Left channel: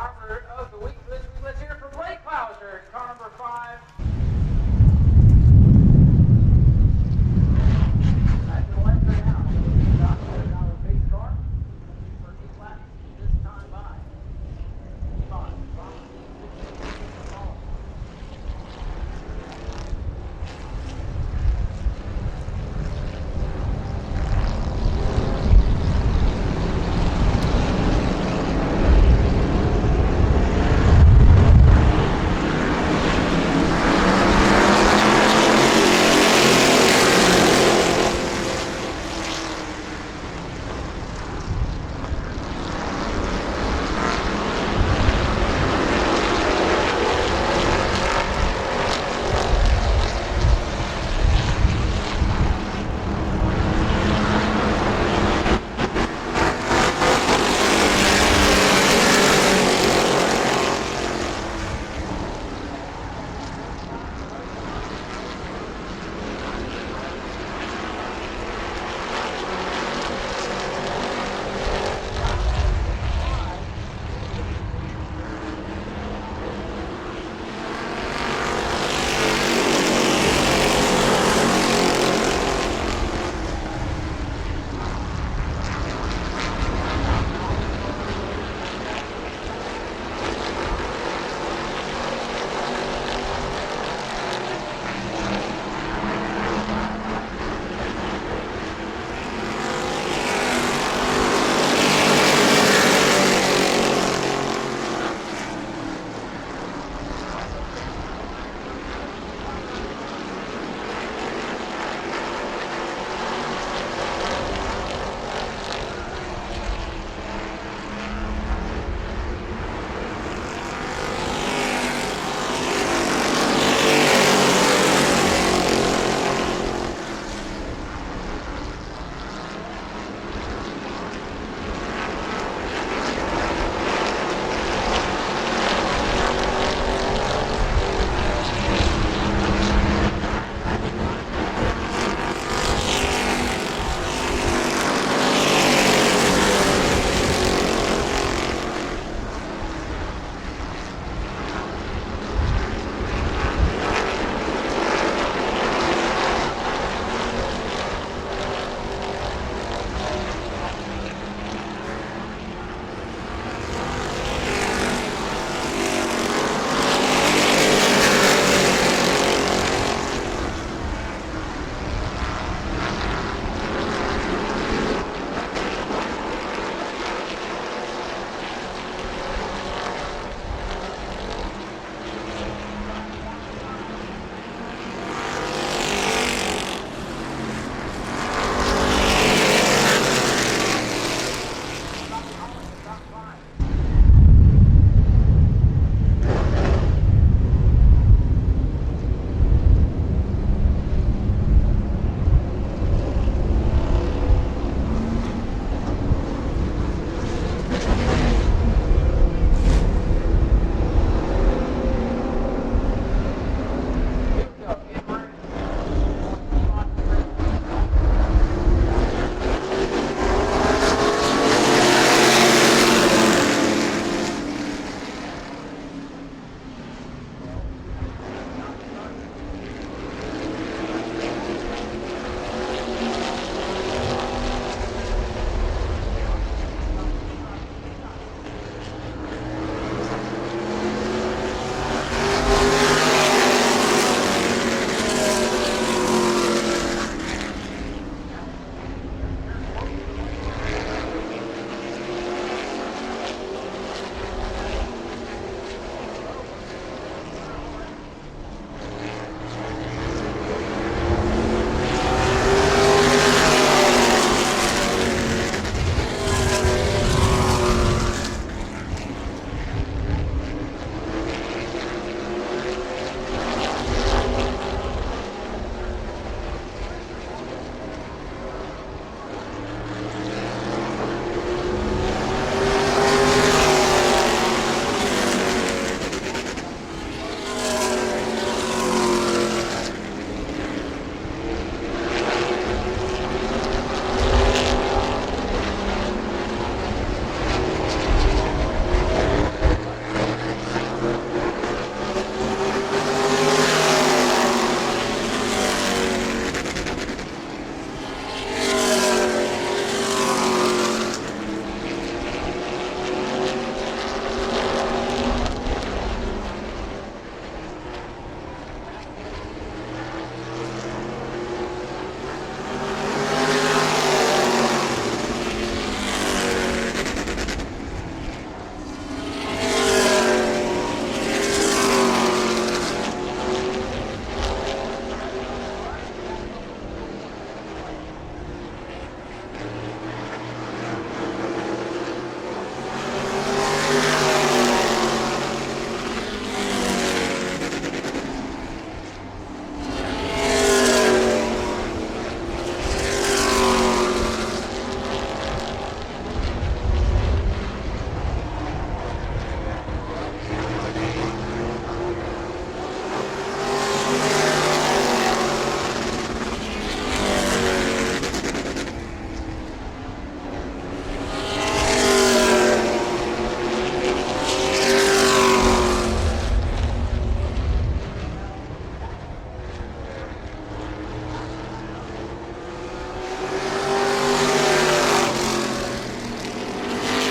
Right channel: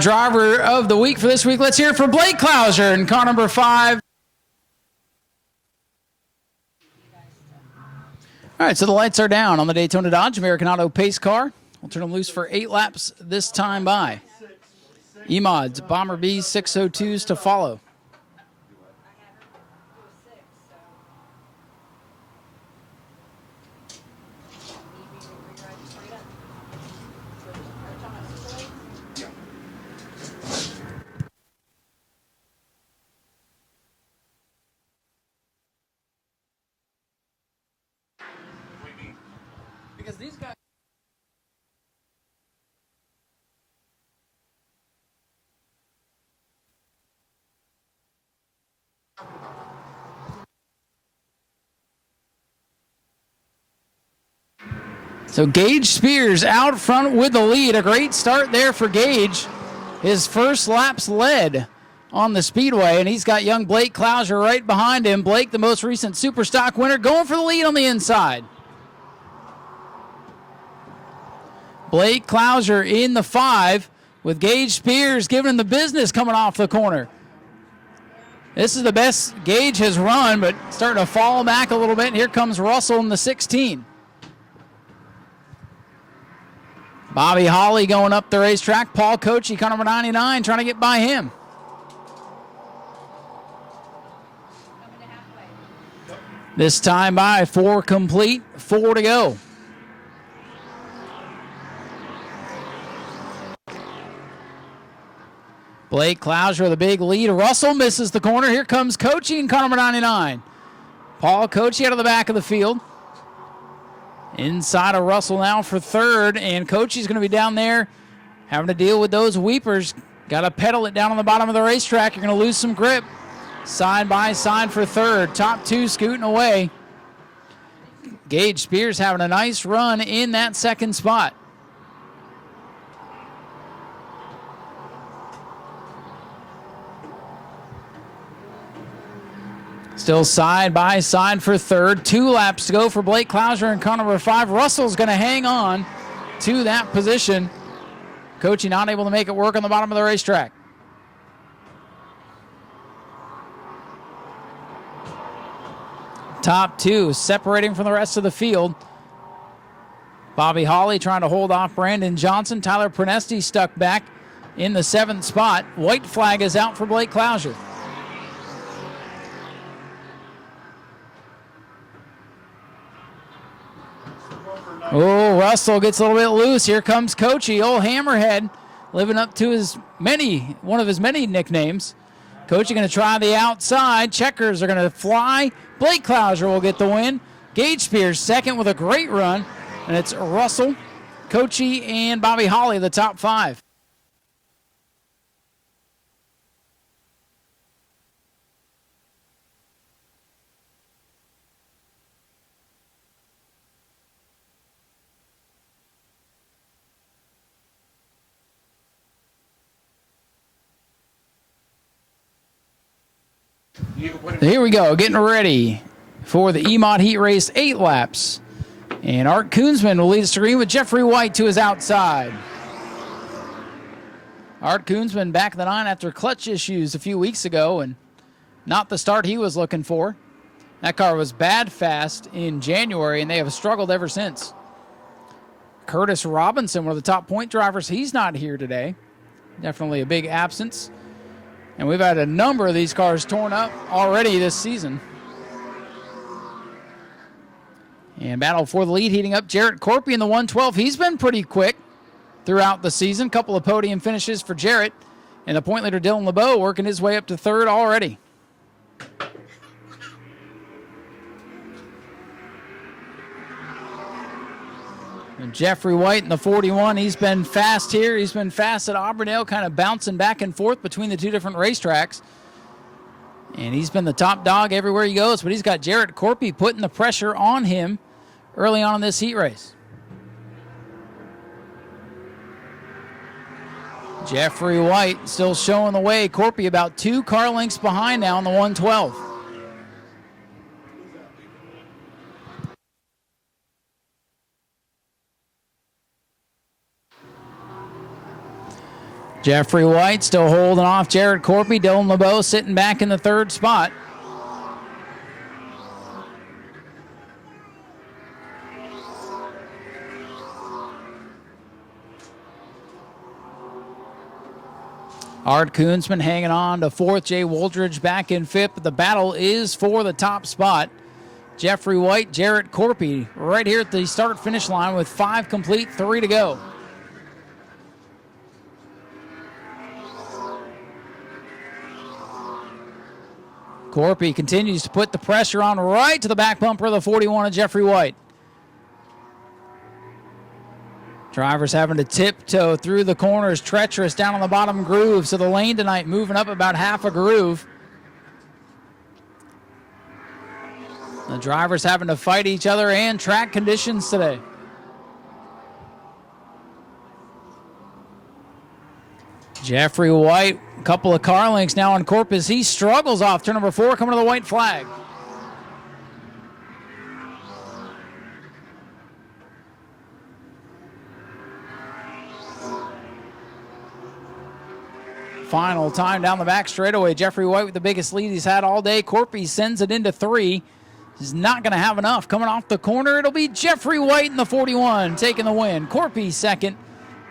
Driver of the week for this week. Let's hear it for Blake Clouser in car number 5. All right, so the lights are down on the Daytona Dodge American Auto pace car. We'll turn them loose for 8 laps this time by. E-Mods, Bomber B 602s to follow. So Gage Spears out front with the lead. A great start there for Gage. His first lap's led on the Speedway, and he's got young Blake Clouser right behind him. Blake, the most recent Superstock winner, going for the lead on the inside. Blake Clouser in the 5 with Gage Spears giving him the business coming off the corner. This is the best Gage has run, but starting to fall back a little bit. Here comes Russell in the 16. Bobby Holly going up the racetrack. Paul Coachy, car number 99, trying to get by him. This time by 4 complete, 4 to go. Blake Clouser with a big lead. Russell misses the corner. Here comes Coachy in car number 99. Paul Coachy out of the back of the field. Inside of Russell now for 3rd, and Coachy's going to be down there having to deal with those weepers. Got to pedal it down on the bottom of the racetrack. You're going to lose some grip. Side by side for 3rd. Top 2 scooting away. Gage Spears having a nice run in that 2nd spot. Still side by side for 3rd. 2 laps to go for Blake Clouser in car number 5. Russell's going to hang on to that position. Coachy not able to make it work on the bottom of the racetrack. Top 2 separating from the rest of the field. Bobby Holly trying to hold off Brandon Johnson. Tyler Prenesti stuck back in the 7th spot. White flag is out for Blake Clouser. Oh, Russell gets a little bit loose. Here comes Coachy, old Hammerhead, living up to one of his many nicknames. Coachy going to try the outside. Checkers are going to fly. Blake Clouser will get the win. Gage Spears 2nd with a great run. It's Russell, Coachy, and Bobby Holly, the top 5. Here we go, getting ready for the E-Mod Heat Race 8 laps. And Art Koonsman will lead the ring with Jeffrey White to his outside. Art Koonsman back in the 9 after clutch issues a few weeks ago, and not the start he was looking for. That car was bad fast in January, and they have struggled ever since. Curtis Robinson, one of the top point drivers, he's not here today. Definitely a big absence. And we've had a number of these cars showing up already this season. And battle for the lead heating up. Jarrett Corpy in the 112. He's been pretty quick throughout the season. Couple of podium finishes for Jarrett. And the point leader Dylan LeBeau working his way up to 3rd already. Jeffrey White in the 41, he's been fast here. He's been fast at Auburndale, kind of bouncing back and forth between the 2 different racetracks. And he's been the top dog everywhere he goes, but he's got Jarrett Corpy putting the pressure on him early on in this heat race. Jeffrey White still showing the way. Corpy about 2 car lengths behind now on the 112. Jeffrey White still holding off Jared Corpy. Dylan LeBeau sitting back in the third spot. Art Koonsman hanging on to fourth. Jay Woldridge back in fifth. But the battle is for the top spot. Jeffrey White, Jarrett Corpy right here at the start-finish line with 5 complete, 3 to go. Corpy continues to put the pressure on right to the back bumper of the 41 of Jeffrey White. Drivers having to tiptoe through the corners, treacherous down on the bottom groove. So the lane tonight moving up about half a groove. The drivers having to fight each other and track conditions today. Jeffrey White, a couple of car links now on Corpus. He struggles off turn number 4, coming to the white flag. Down the back straightaway. Jeffrey White with the biggest lead he's had all day. Corpy sends it into 3. He's not going to have enough. Coming off the corner, it'll be Jeffrey White in the 41 taking the win. Corpy second.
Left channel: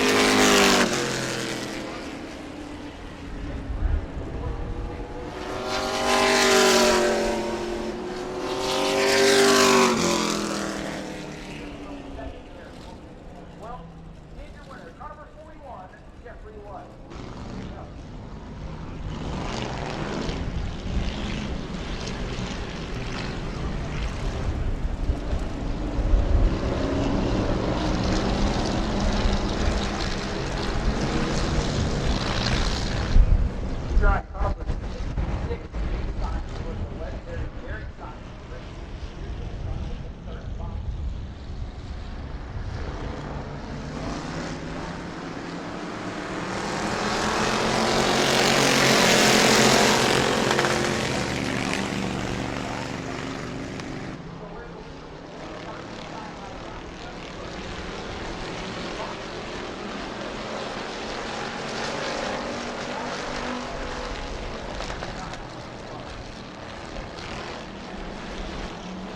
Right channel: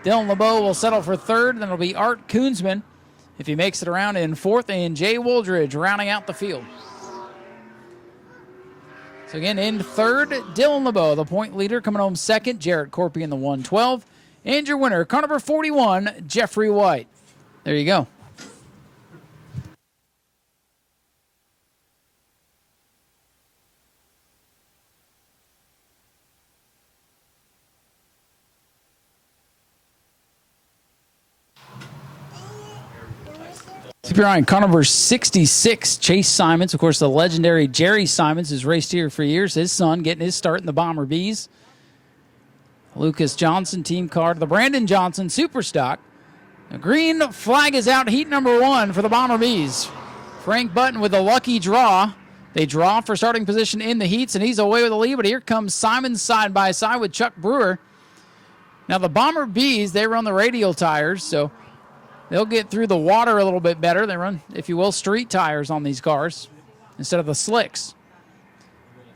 Dylan LeBeau will settle for third, and it'll be Art Koonsman if he makes it around in fourth, and Jay Woldridge rounding out the field. Again in third, Dylan LeBeau, the point leader, coming home second. Jarrett Corpy in the 112. And your winner, car number 41, Jeffrey White. There you go. Keep your eye on car number 66, Chase Simons. Of course, the legendary Jerry Simons has raced here for years. His son getting his start in the Bomber Bees. Lucas Johnson, team card. The Brandon Johnson Superstock. Green flag is out, heat number 1 for the Bomber Bees. Frank Button with a lucky draw. They draw for starting position in the heats, and he's away with the lead, but here comes Simons side by side with Chuck Brewer. Now, the Bomber Bees, they run the radial tires, so they'll get through the water a little bit better. They run, if you will, street tires on these cars instead of the slicks.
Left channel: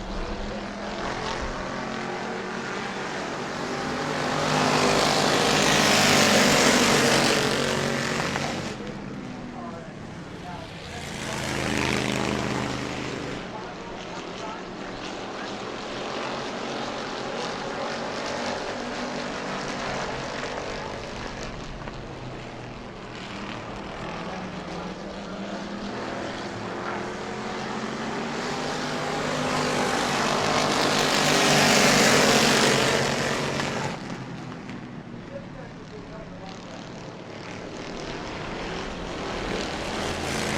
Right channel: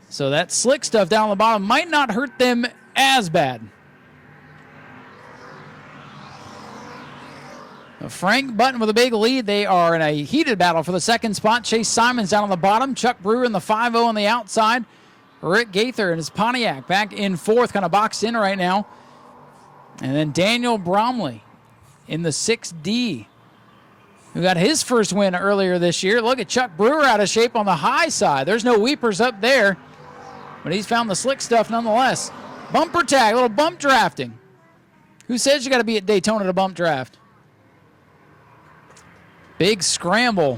So that slick stuff down the bottom might not hurt them as bad. Frank Button with a big lead. They are in a heated battle for the second spot. Chase Simons down on the bottom. Chuck Brewer in the 5-0 on the outside. Rick Gaither in his Pontiac back in fourth, kind of boxed in right now. And then Daniel Bromley in the 6D. We got his first win earlier this year. Look at Chuck Brewer out of shape on the high side. There's no weepers up there, but he's found the slick stuff nonetheless. Bumper tag, a little bump drafting. Who says you got to be at Daytona to bump draft? Big scramble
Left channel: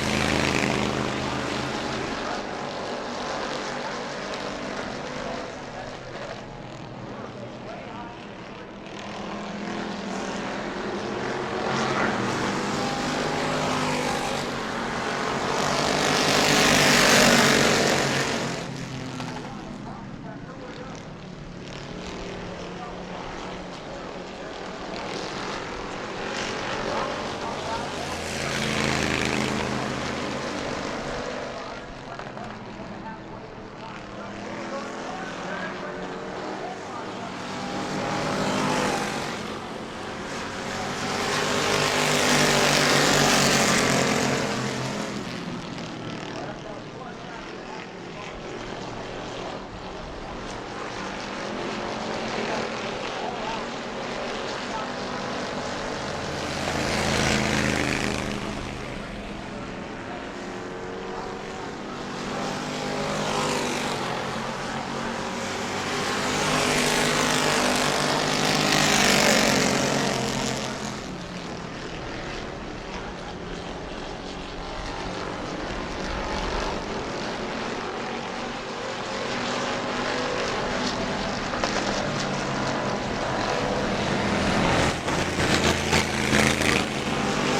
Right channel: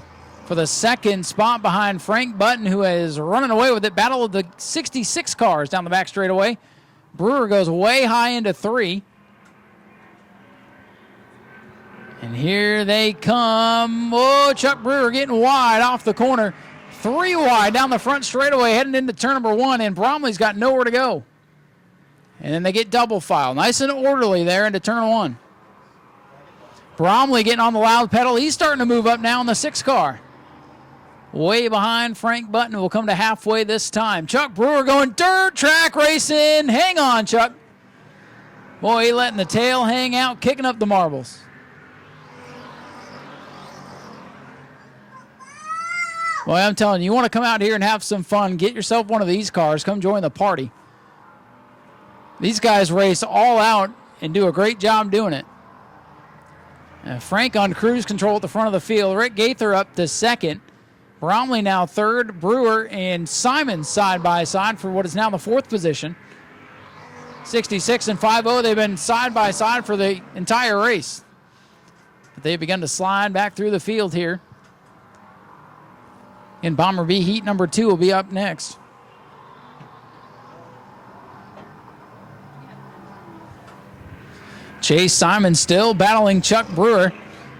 for the second spot behind Frank Button, who is running away with it. Battle of the 66 cars down the back straightaway. Brewer goes way high into 3. Here they come. Oh, Chuck Brewer getting wide off the corner. 3 wide down the front straightaway, heading into turn number 1, and Bromley's got nowhere to go. And then they get double file. Nice and orderly there into turn 1. Bromley getting on the loud pedal. He's starting to move up now in the 6 car. Way behind Frank Button. Will come to halfway this time. Chuck Brewer going dirt track racing. Hang on, Chuck. Boy, he letting the tail hang out, kicking up the marbles. Boy, I'm telling you, you want to come out here and have some fun, get yourself one of these cars, come join the party. These guys race all out and do a great job doing it. Frank on cruise control at the front of the field. Rick Gaither up to second. Bromley now third. Brewer and Simon side by side for what is now the 4th position. 66 and 5-0, they've been side by side for the entire race. They've begun to slide back through the field here. And Bomber B heat number 2 will be up next. Chase Simons still battling Chuck Brewer.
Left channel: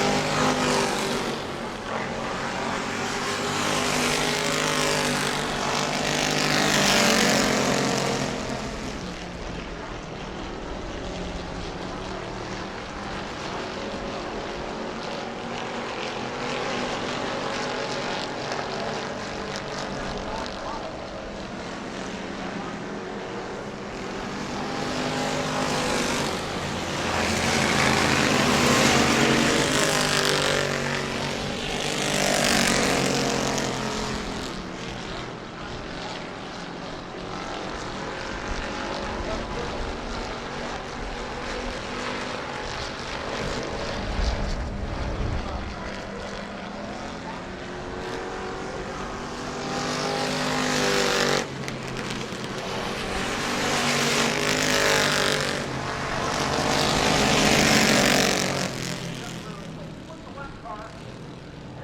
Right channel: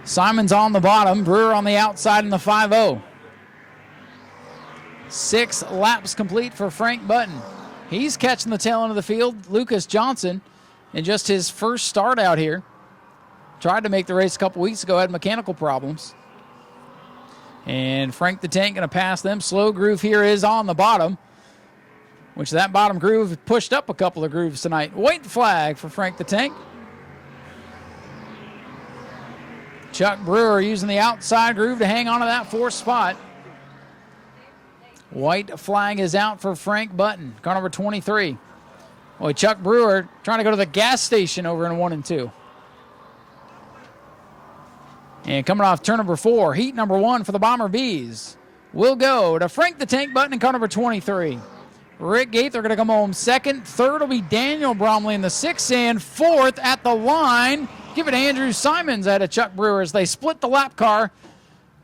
Simons on the bottom, Brewer on the outside in the 5-0. 6 laps complete for Frank Button. He's catching the tail end of the field. Lucas Johnson in just his first start out here. tried to make the race a couple weeks ago, had mechanical problems. And Frank the Tank going to pass them. Slow groove here is on the bottom, which that bottom groove pushed up a couple of grooves tonight. White flag for Frank the Tank. Chuck Brewer using the outside groove to hang on to that 4th spot. White flag is out for Frank Button, car number 23. Boy, Chuck Brewer trying to go to the gas station over in 1 and 2. And coming off turn number 4, heat number 1 for the Bomber Bees will go to Frank the Tank Button in car number 23. Rick Gaither going to come home 2nd. 3rd will be Daniel Bromley in the 6th, and 4th at the line, giving Andrew Simons out of Chuck Brewer as they split the lap car.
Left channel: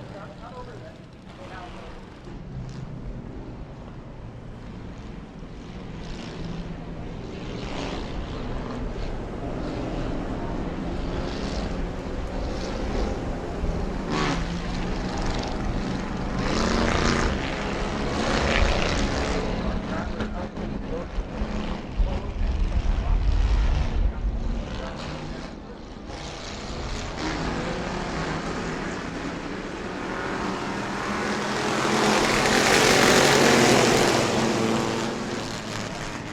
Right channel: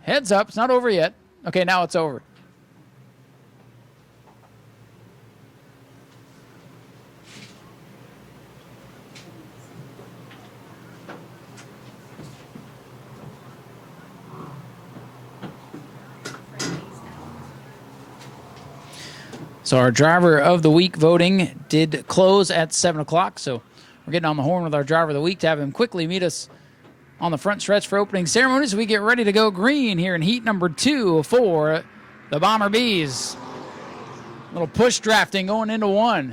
Heads up, it's not over yet. Okay, now it's over. So our driver of the week voting did close at 7 o'clock. So we're getting on the horn with our driver of the week to have him quickly meet us on the front stretch for opening ceremonies. We get ready to go green here in heat number 2 for the Bomber Bees. We're push drafting going into 1.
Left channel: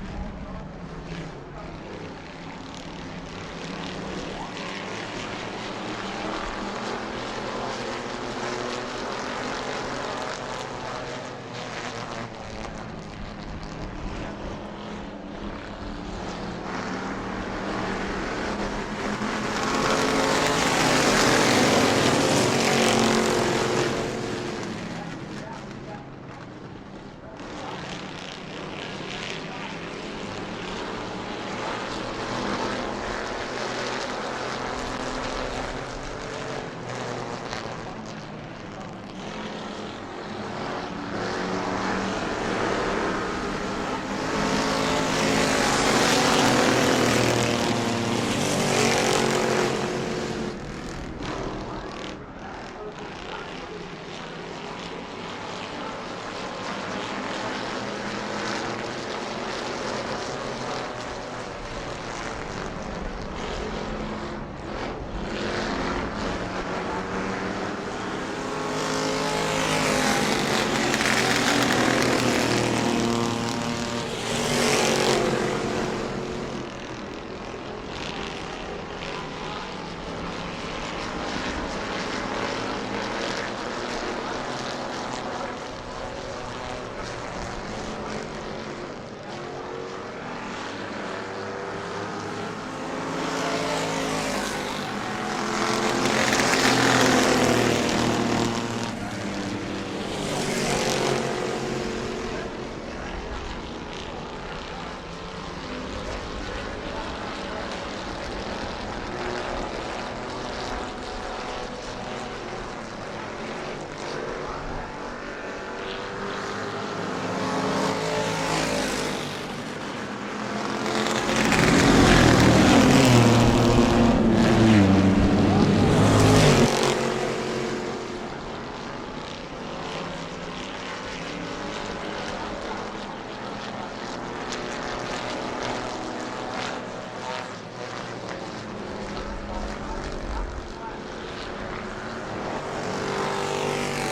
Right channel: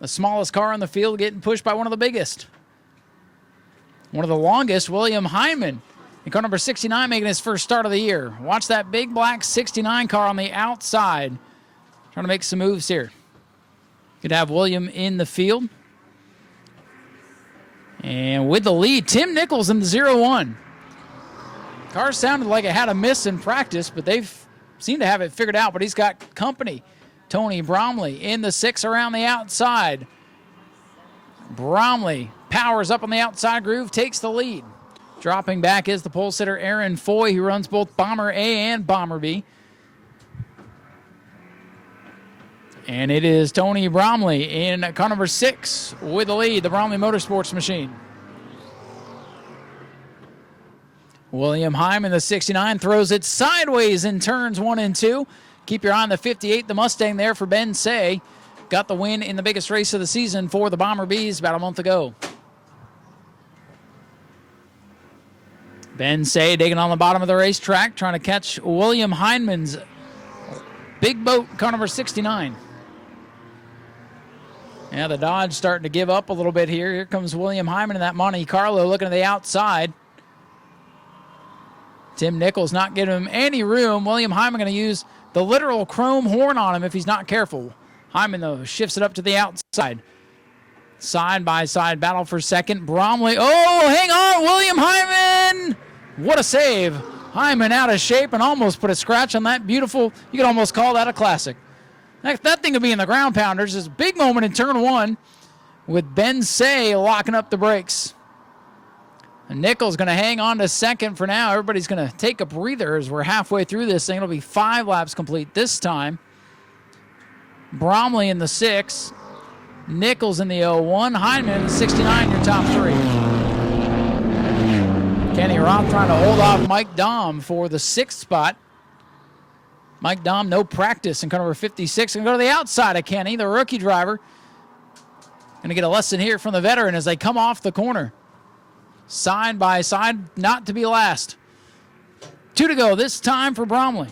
The smallest car on the field getting pushed by one of the biggest. One of the longest, William Hyman. Car number 69 making his first start of the year. Watch that big black 69 car on the outside. Trying to make some moves here. Could have William in the field. And with the lead, Tim Nichols in 0-1. Car sounded like it had a miss in practice, but they seem to have it figured out. But he's got company. Tony Bromley in the 6 around the outside. Bromley powers up on the outside groove, takes the lead. Dropping back is the pole sitter Aaron Foy, who runs both Bomber A and Bomber B. And it is Tony Bromley in car number 6 with the lead, the Bromley Motorsports machine. William Hyman, the 69, throws it sideways in turns 1 and 2. Keep your eye on the 58, the Mustang there for Ben Say. Got the win in the biggest race of the season for the Bomber Bees about a month ago. Ben Say digging on the bottom of the racetrack, trying to catch William Hyman's big boat, car number 69. Now the Dodge starting to give up a little bit here. Here comes William Hyman in that Monte Carlo looking at the outside. Tim Nichols not giving him any room. William Hyman going to use the literal chrome horn on him if he's not careful. Hyman, though, shifts it up to the outside. Side-by-side battle for 2nd. Bromley, oh, hang on, William Hyman! What a save. Hyman out of shape and almost put a scratch on that beautiful, you could almost call that a classic. That thing could be in the ground pounders. This big moment in turn 1 with Ben Say locking up the brakes. Nichols going to hang on to 2nd for now. Everybody's going to take a breather as we're halfway through this thing. It'll be 5 laps complete this time. Bromley in the 6. Nichols in the 01. Hyman in the 69 for top 3. Kenny Rock trying to hold off Mike Dahm for the 6th spot. Mike Dahm, no practice in car number 56. Going to go to the outside of Kenny, the rookie driver. Going to get a lesson here from the veteran as they come off the corner. Side by side, not to be last. 2 to go this time for Bromley.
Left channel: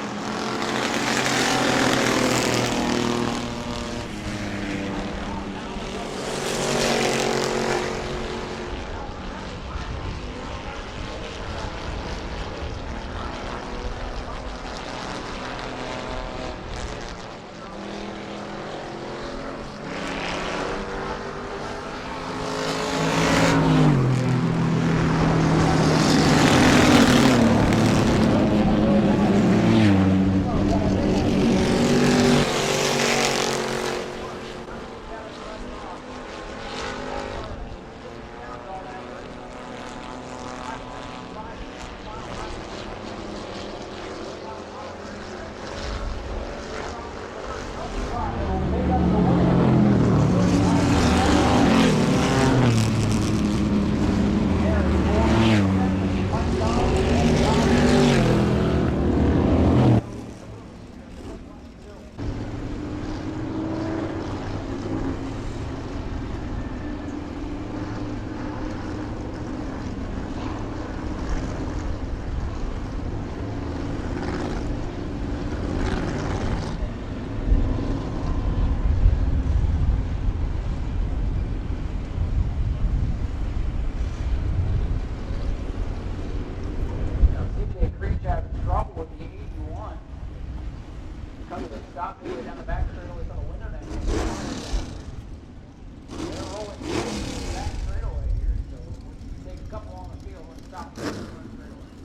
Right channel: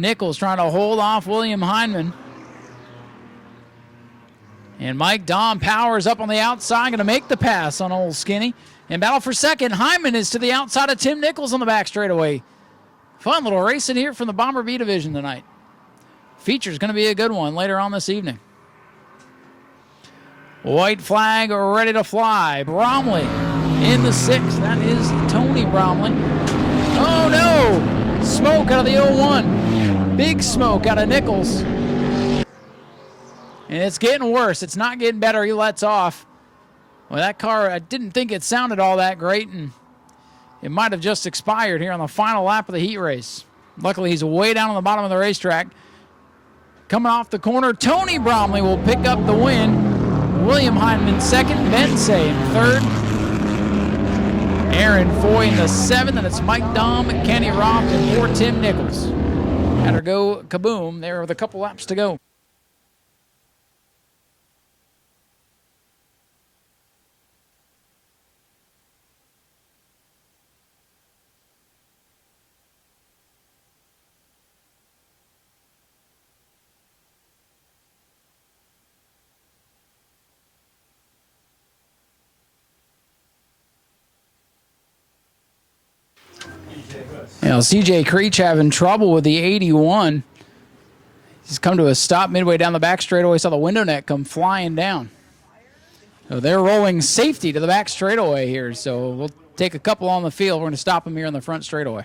Nichols trying to hold off William Hyman. And Mike Dahm powers up on the outside, going to make the pass on old Skinny. In battle for 2nd, Hyman is to the outside of Tim Nichols on the back straightaway. Fun little racing here from the Bomber B division tonight. Feature's going to be a good one later on this evening. White flag ready to fly. Bromley in the 6th. That is Tony Bromley. Oh no! Smoke out of the 01. Big smoke out of Nichols. And it's getting worse. It's not getting better. He lets off. Well, that car, I didn't think it sounded all that great, and it might have just expired here on the final lap of the heat race. Luckily, he's way down on the bottom of the racetrack. Coming off the corner, Tony Bromley will pick up the win. William Hyman in 2nd, Ben Say in 3rd. Aaron Foy in the 7th, and it's Mike Dahm and Kenny Robbs and Tim Nichols. Better go kaboom there with a couple laps to go. You know, CJ Creech having trouble with the 81. He's come to a stop midway down the back straightaway. Saw the window net come flying down. So they're rolling safety to the back straightaway here. So we'll take a couple on the field. We're going to stop them here in the front straightaway.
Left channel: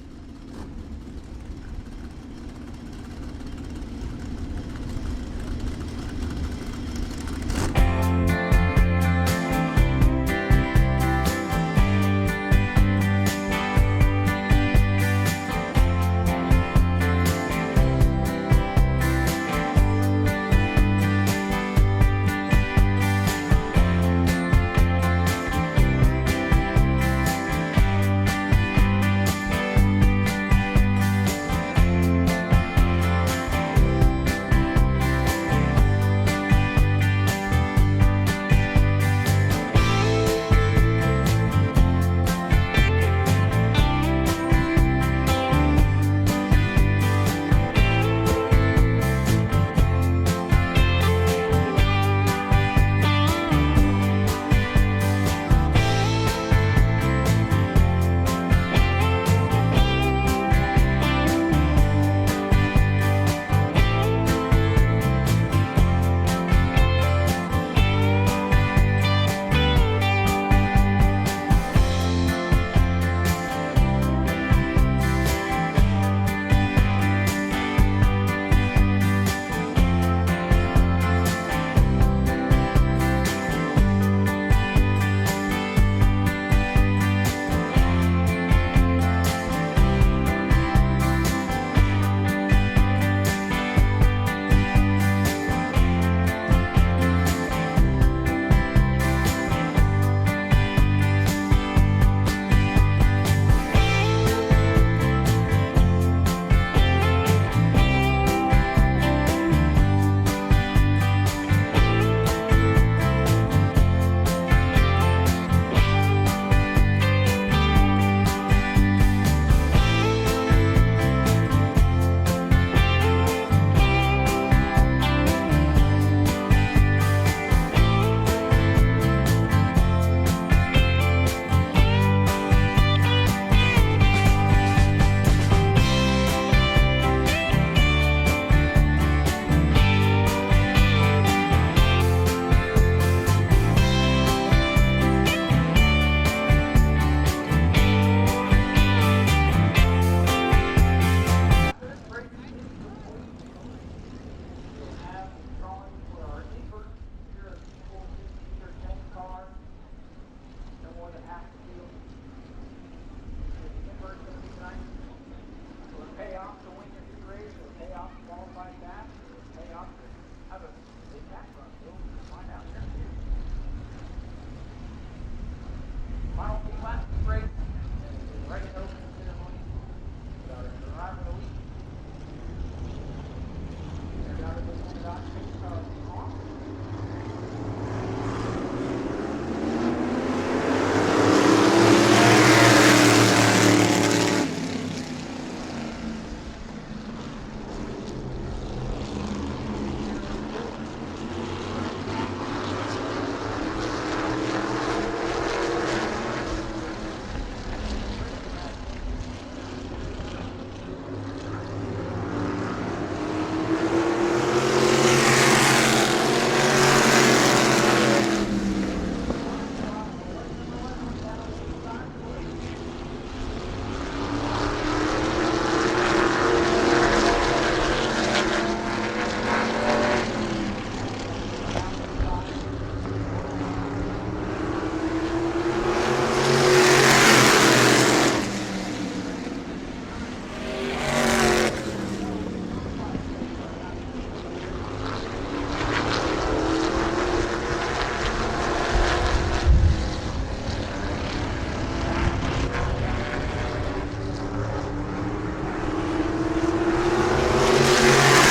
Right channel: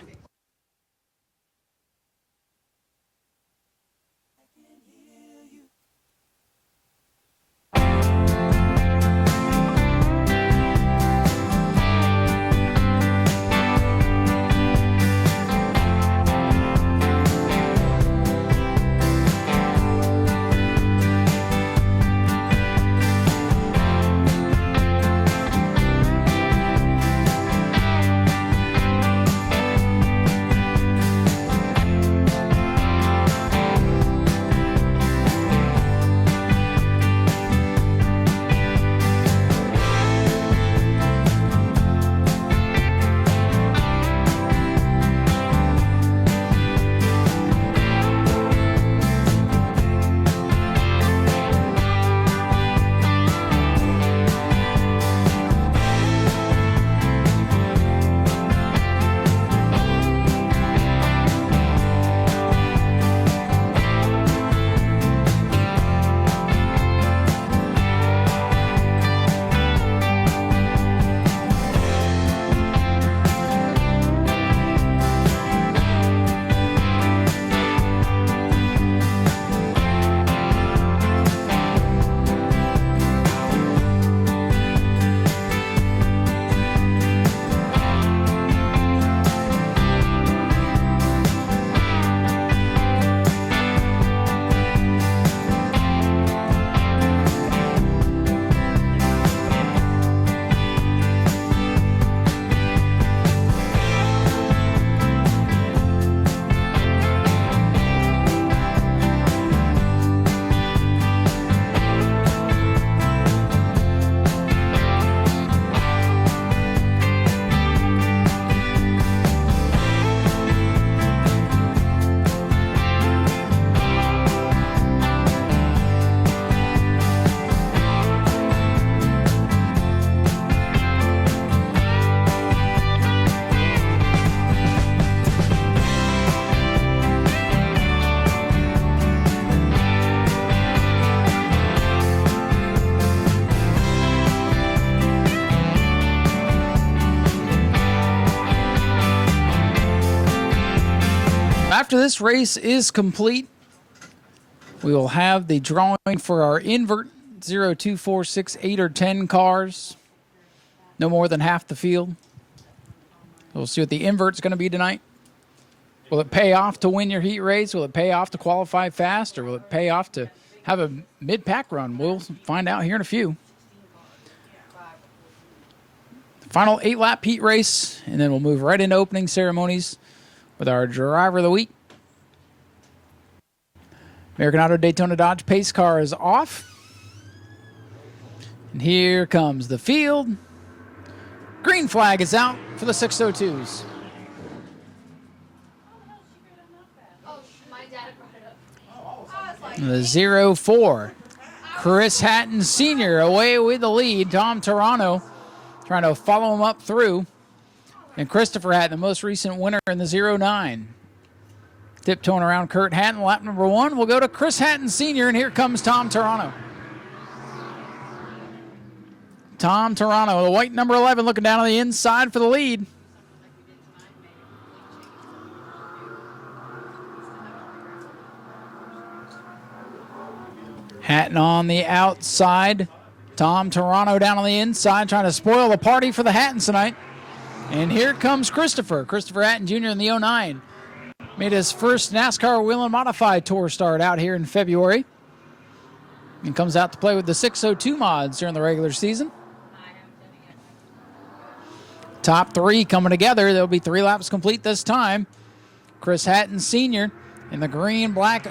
After this race is complete, we will have the drawing for our invert 0, 2, 4, 6, 8, or 10 cars. No more than half the field. We'll see what the invert's going to be tonight. Will it pay off to win your heat race? Will it pay off to qualify fast? Or will it pay off to have a mid-pack run? We'll find out here in a few. Final 8-lap heat race, and then we'll move right into opening ceremonies with our driver of the week. American Auto Daytona Dodge pace car is off. And here comes the field. Green flag is out for 602. The 0-4. Chris Hatton Sr. away with the lead. Tom Toronto trying to follow him up through. And Christopher Hatton, the most recent winner in the 0-9. Tiptoeing around Kurt Hatton, lap number 1. We'll go to Chris Hatton Sr. and here comes Tom Toronto. Tom Toronto, the white number 11, looking down on the inside for the lead. Hatton on the outside. Tom Toronto down on the inside, trying to spoil the party for the Hattons tonight. And here comes Christopher Hatton Jr. in the 09. Made his first NASCAR Wheel and Modified Tour start out here in February. And comes out to play with the 602 mods during the regular season. Top 3 coming together. There'll be 3 laps complete this time. Chris Hatton Sr. in the green lap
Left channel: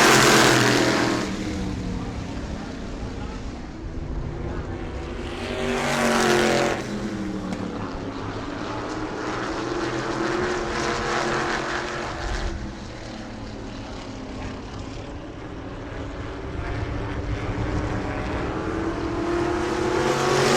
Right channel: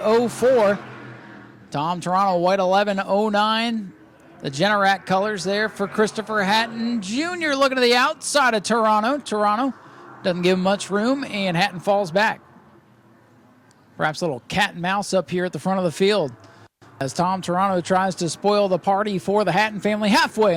04. Tom Toronto, white 11-09. The Generac colors there for Christopher Hatton Jr. looking to the outside of Toronto. Toronto doesn't give him much room, and Hatton falls back. Perhaps a little cat and mouse up here at the front of the field as Tom Toronto tries to spoil the party for the Hatton family halfway.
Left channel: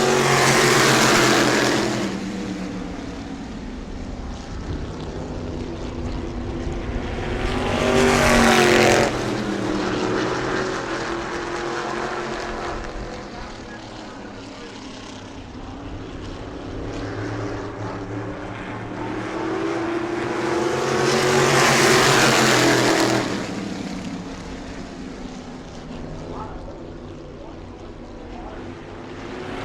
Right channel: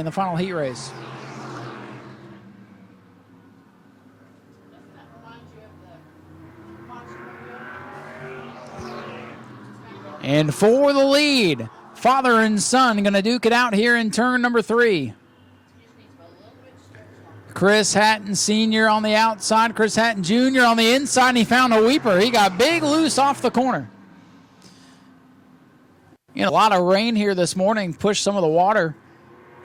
for the lead. Father and son going to duke it out here in turn number 3. Chris Hatton Sr. on the outside, Chris Hatton Jr. on the inside, and he found the weeper. He got big loose off the corner. A lot of rain here this morning pushed some of the water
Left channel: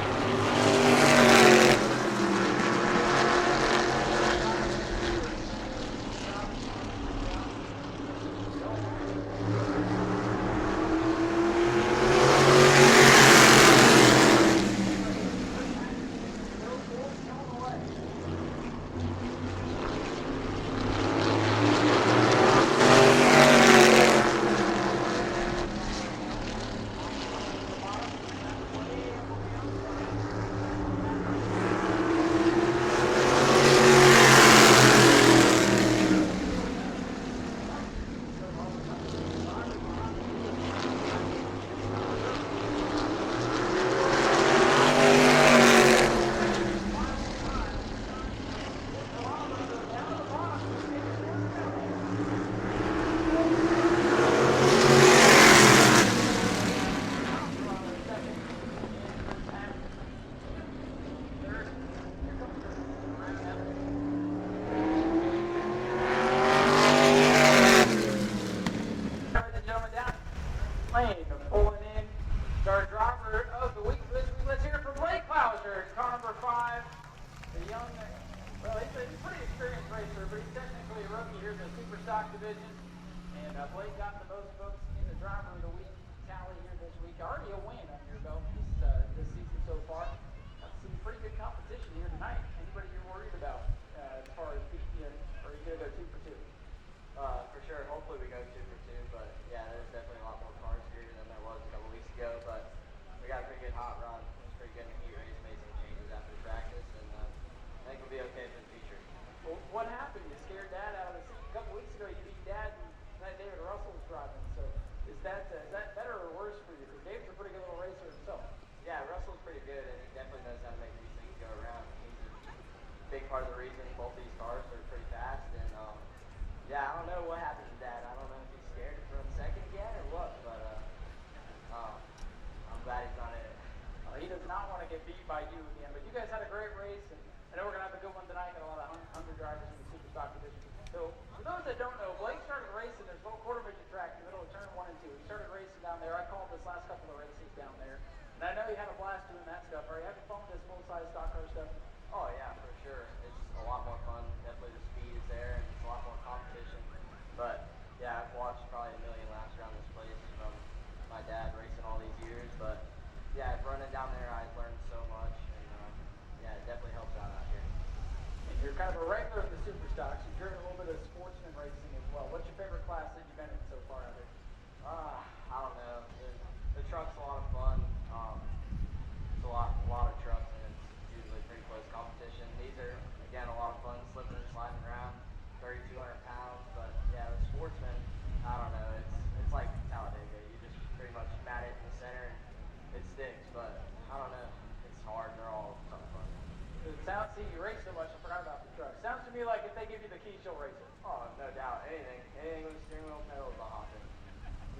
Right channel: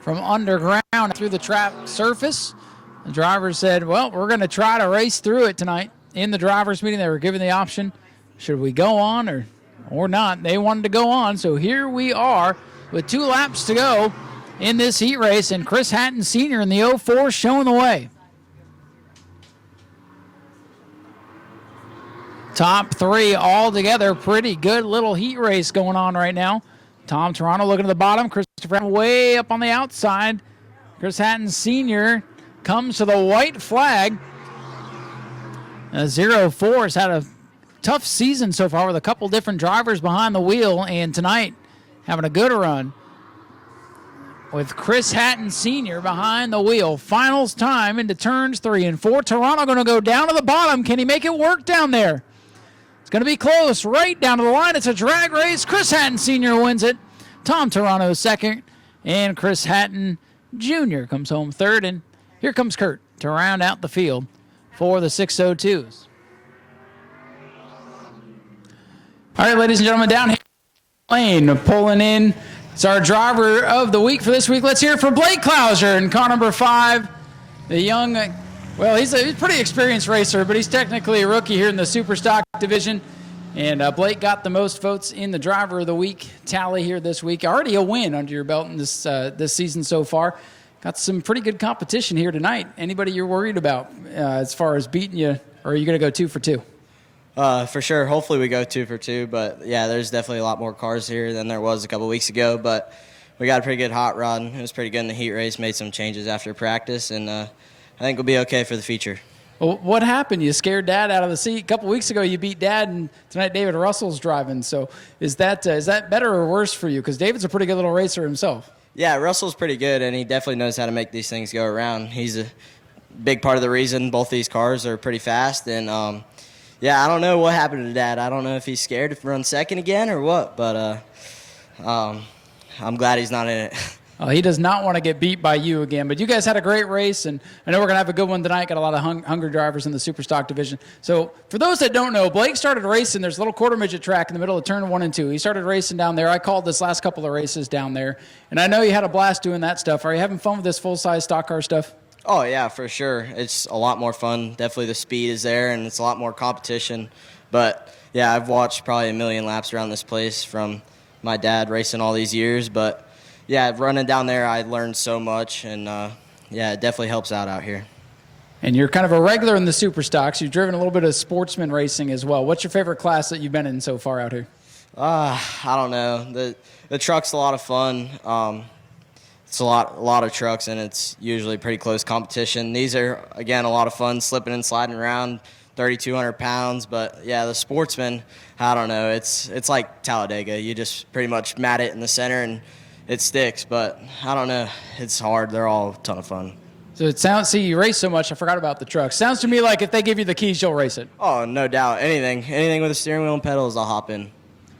from underground to the track surface. The driver said, well, we're going to try to race through it tonight. In the driver's meeting, they were given the option, should we go on or not? They wanted to go on, so here we are with 2 laps to go in this heat race, and Chris Hatton Sr. in the 04 showing the way. Top 3 all together. Pretty good little heat race going on right now. Tom Toronto looking at the bottom. Christopher way up on the outside. Chris Hatton Sr. comes to the white flag. 04 has had a tough season so far with a couple different drivers behind the wheel, and tonight having a good run with Chris Hatton Sr. behind the wheel. Finals time into turns 3 and 4. Toronto going to go down to the bottom. Can he make it work down there? It's going to be close, right down to the line. It's a drag race. Chris Hatton Sr. wins it. Tom Toronto second, and Chris Hatton Jr. comes home third, and here comes Kurt to round out the field for the 602s. All right, ladies and gentlemen, down here, lane pulling in. It's our driver of the week for this week. Let's hear it from Blake Clouser in car number 5. The young, well, he's a pretty experienced racer, but he's technically a rookie here in the Super Stock division. And Blake got the most votes in the driver of the week tally here this week. Already a win under your belt in this season so far. Got some pretty good competition here tonight. Anybody you're worried about as far as beating you, or are you going to go 2 for 2? For sure. Hopefully we go 2 for 2. But, yeah, there's definitely a lot more cars here than there was a couple weeks ago. But we got a pretty good hot rod. It was pretty good in the heat race. Made some changes after practice. And I think we'll be okay for the feature. Well, what happened? You scared Dad out of the seat. A couple weeks ago you beat Dad, and tonight David Russell's driving. So is that better or worse for you? Because David's a pretty good little racer himself. Yeah, Russell's pretty good, and he definitely knows how to make these things go around. He's a big part of the reason both these cars are pretty fast. And, yeah, I don't know what happened to Dad. I don't know if he's scared to run second again or what, but I'm glad he's not in it. He does not want to get beat by you again. But you guys had a great race, and I know we're going to have a good one tonight. Got a lot of hungry drivers in the Super Stock division. So for those that don't know, Blake started racing. There's a little quarter midget track in the middle of turn 1 and 2. He started racing down there. I called this last couple of races down there. And I know you had a blast doing that stuff. Are you having fun with this full-size stock car stuff? Oh, yeah, for sure. It's a lot more fun. Definitely the speed is there, and it's a lot more competition. But, yeah, I've watched probably a million laps around this place from my dad racing all these years. But, yeah, running down there, I learned so much, and, yeah, it definitely helps out here. And you're kind of a regular in the Super Stocks. You've driven a little bit of sportsman racing as well. What's your favorite class that you've been in so far out here? I don't know. The truck's a lot of fun. It's a lot of trucks, and it's usually pretty close competition. These are, again, a lot of fun, slipping and sliding around, 3,200 pounds. But, yeah, the sportsman, I don't know. It's like Talladega. You just pretty much mat it in the center, and it sticks. But, I don't know. It's hard. They're all a ton of fun. So it sounds, see, you race so much, I forgot about the truck. Sounds to me like if they give you the keys, you'll race it. Oh, no doubt. Anything with a steering wheel and pedals, I'll hop in.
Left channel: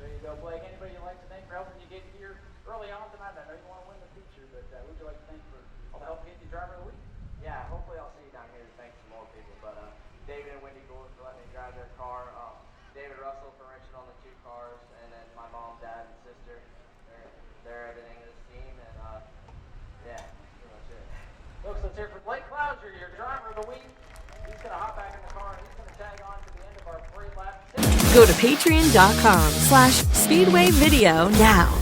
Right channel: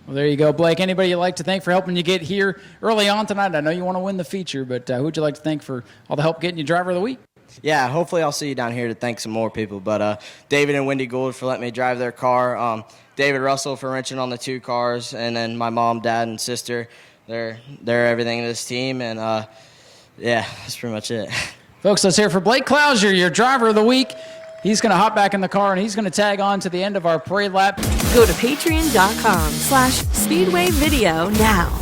Well, there you go, Blake. Anybody you'd like to thank for helping you get here early on tonight? I know you want to win the feature, but who would you like to thank for all the help getting you driver of the week? Yeah, hopefully I'll see you down here to thank some more people. But David and Wendy Gould for letting me drive their car. David Russell for wrenching on the 2 cars. And then my mom, dad, and sister. They're everything in this team. And, yeah, that's pretty much it. Folks, let's hear it for Blake Clouser, your driver of the week. He's going to hop back in the car, and he's going to tag on to the end of our parade lap. Go to patreon.com/Speedway Video now.